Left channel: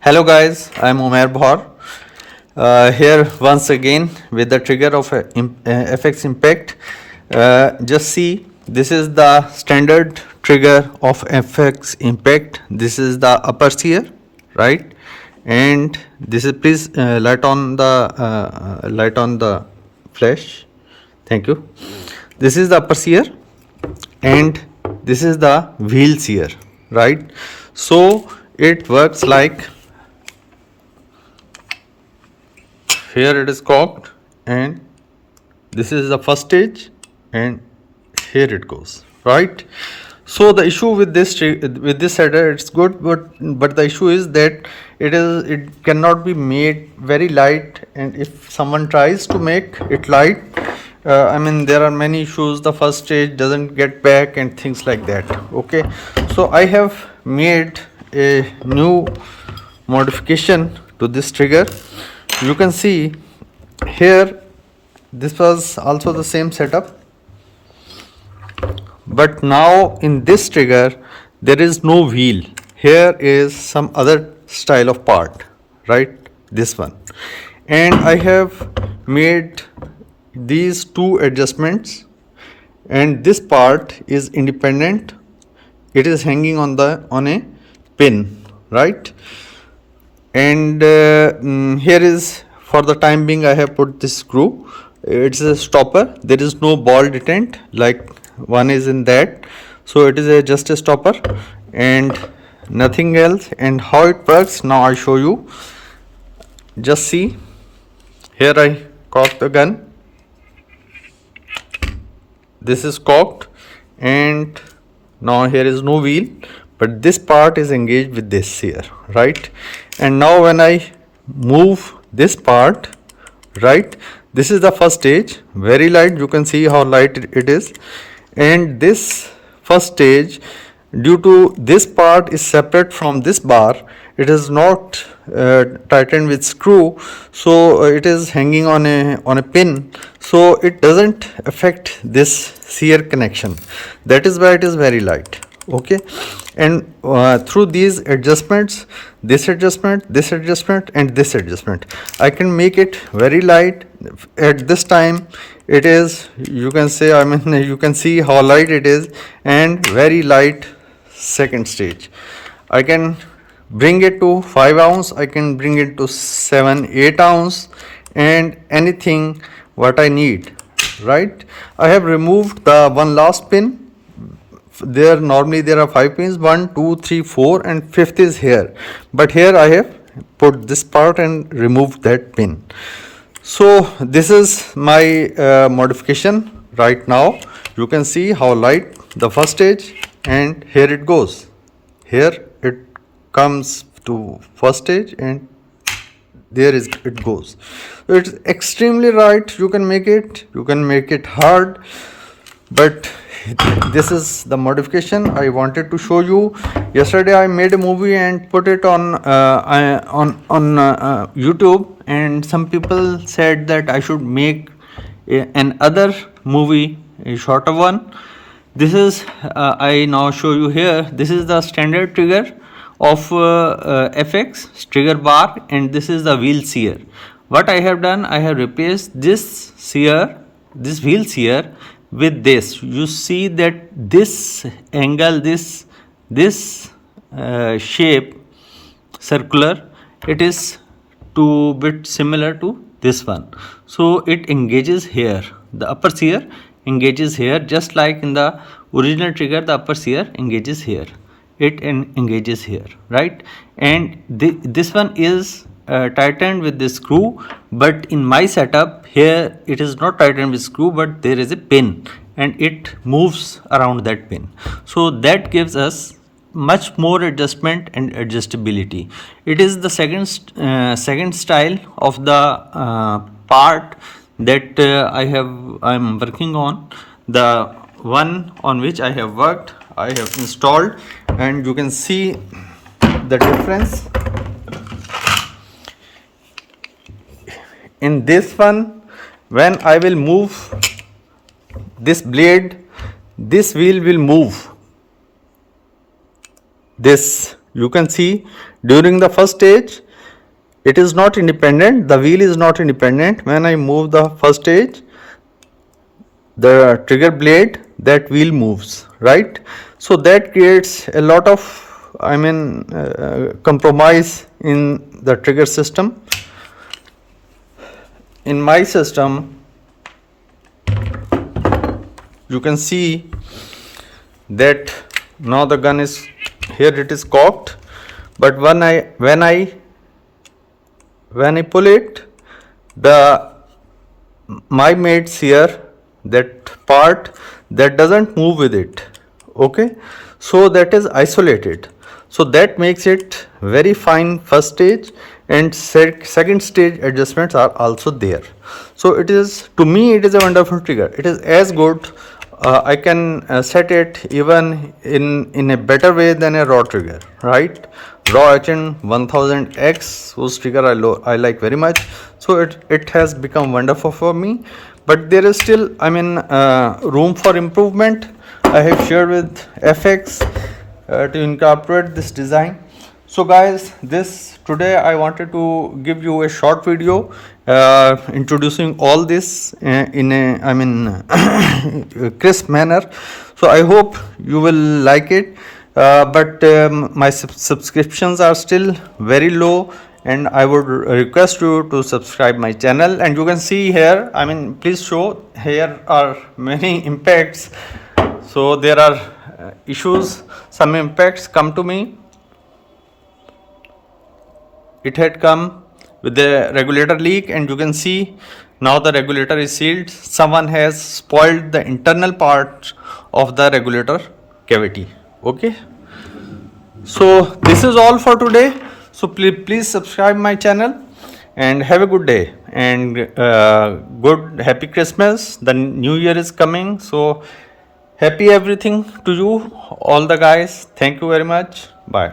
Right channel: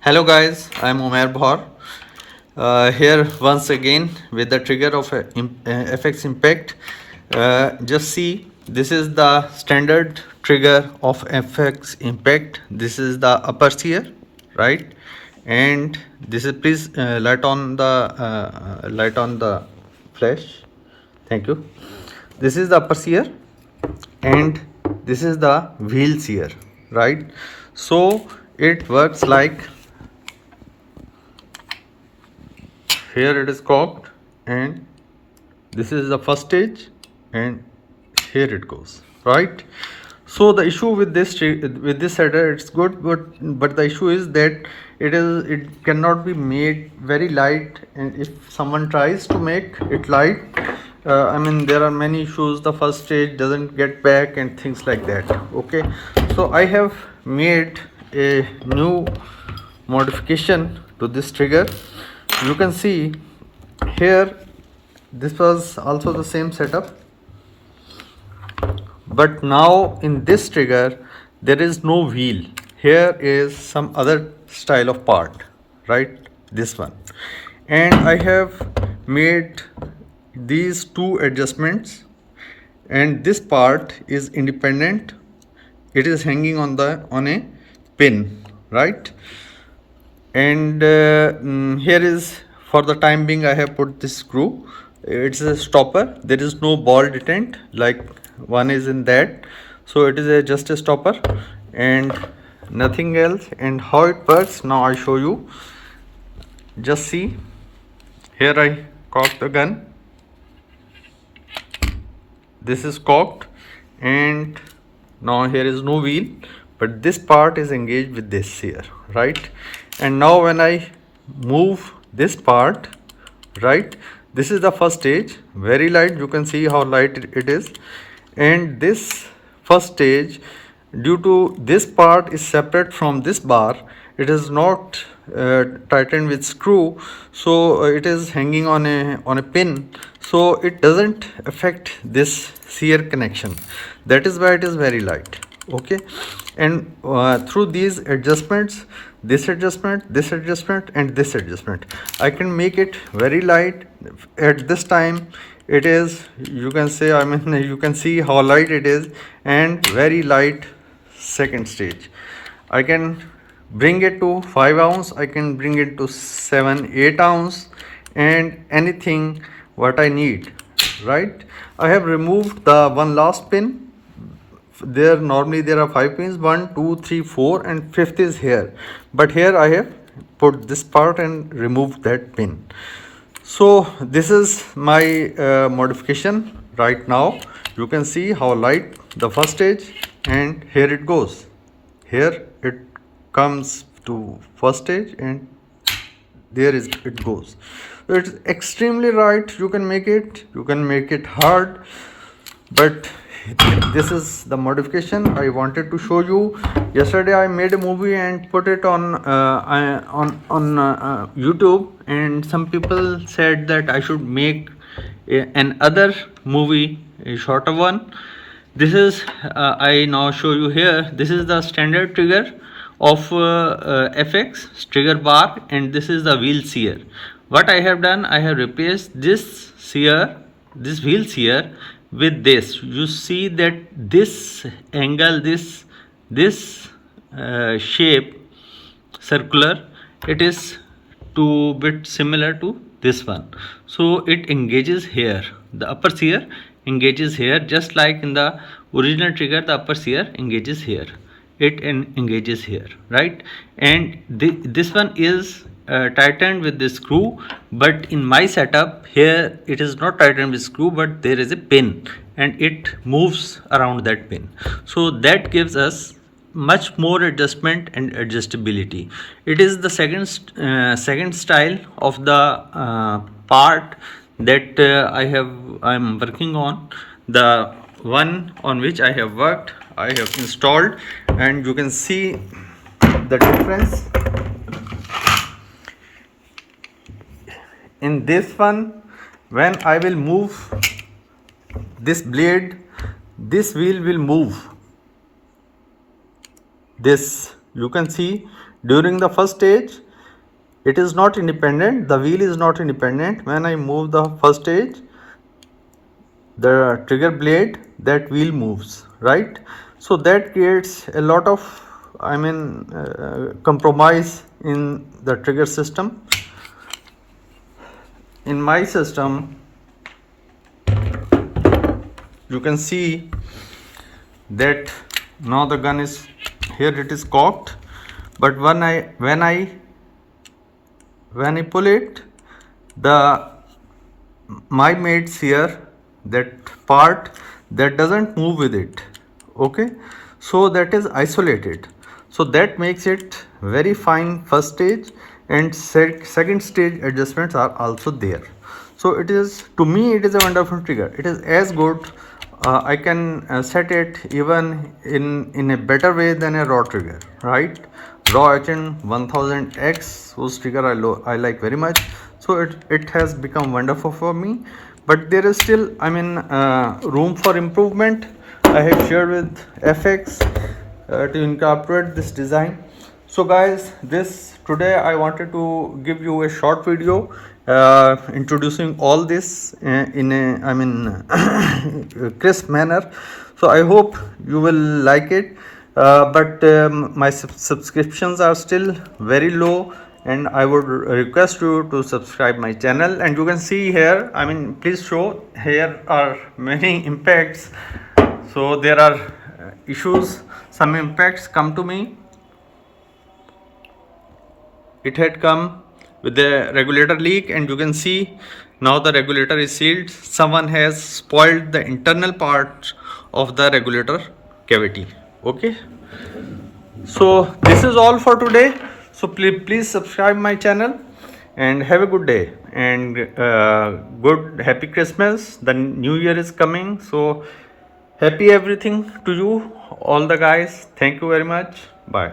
Hello guys, I'm Umair Bhaur. Here once again with the trigger of FX Impact. Just see, this is the standard trigger of FX Impact. This is the upper sear, right? And this is, please light on the flash. Thank you. This is the upper sear and this is the wheel sear, right? So it works like, here it is cocked and this is the first stage and here it goes, right? So the issue with this header, it's good, but the issue is that it cannot be made very light, and if someone tries to make it light, I mean, there are many issues. The first stage doesn't get back and things like that. Okay, so I have made a new modification to this trigger. You can see here, this was also the same setup, but now in this trigger there is no wheel. Here is some other style of part, right? This one, and I have made these two adjustments, and this part is independent. It is hanging on a pin, right? And here is, for the time being, I have put this screw. It's a stopper. There is no ball detent like one is in that, so it is just a stopper and nothing else. And how it works now, I show you. Just see, here I cock the gun. This is cocked, and now here is no wheel, but this part is engaged with this here, right? And now when I move this part, right, this is the first stage, very light. You can see how light it is. And this first stage, due to this part is separate from this bar, it is not tightened with screw, so it is hanging on a pin, so it doesn't affect this sear connection. That is why it is very light. Okay, and through these adjustments, this adjustment, this adjustment, and this adjustment, I can make it very light. At this time it is, you can say, I mean, you can see how light it is, and very light second stage. I can bring it to 5 ounce, I can bring it to 7-8 ounce, and anything what I need, right? I have removed the one last pin. There normally there are 5 pins, 1, 2, 3, 4, and 5th is here, but here I have put this part and removed that pin. So this is my modification right now. You can see how light the first stage, and here it goes. Here it comes to first stage, and there is it goes. It's extremely light. You can make it hard, but this is the modification I wanted to show you. Yesterday I made a movie and put it on YouTube, and some people said that I should make another movie, a shorter one. This is I now show you here. This is the standard trigger of FX trigger bar, and this is the wheel sear. What I have done, I have replaced this sear, this wheel sear, with this. You see that this angle, this shape, circular, it is two bit similar to this one, so it engages here. The upper sear engages here, just like in the original trigger the upper sear engages here, it engages here, right? And this one is tightened with the screw, but in my setup here it is not tightened with screw, but there is a pin and it moves around that pin, so that gives us much more adjustment and adjustability. It is the second style of the part that I'm working on. The one on which I have worked, I have installed, and you can see the difference. In this one, when I will move this blade, this wheel will move. This, you can see During the first stage, it is not independent, the wheel is not independent. When I move the first stage, the trigger blade, that wheel moves, right? So that creates a lot of, compromise in the trigger system. In my system, you can see that now the gun is here, it is cocked, but when I pull it, my mates here, that part that doesn't move with it, okay, so that is isolated. So that makes it very fine first stage, and second stage adjustments are also there. So it is, to me, it is a wonderful trigger. It is as good, I can set it even in a better way than a raw trigger, right? Raw action 1000X, whose trigger I like very much. So it has become wonderful for me, but there is still, room for improvement. I have shared with FX to incorporate this design. So guys, today I wanted to give you a short video introducing all this in a crisp manner. So I hope you will like it, but my subscriptions are still very low, and I would request you to subscribe my channel. And you can see here, please show, here are many impacts. So there are issues, some impacts come to me. It had come with the regulator leak, and you can see now the regulator is sealed. Someone has spoiled the internal part of the regulator cavity. Okay, so this is all for today. So please subscribe my channel, and have a good day, and good happy Christmas. The new year is coming, so happy everything to you all the guys. Thank you very much. Bye.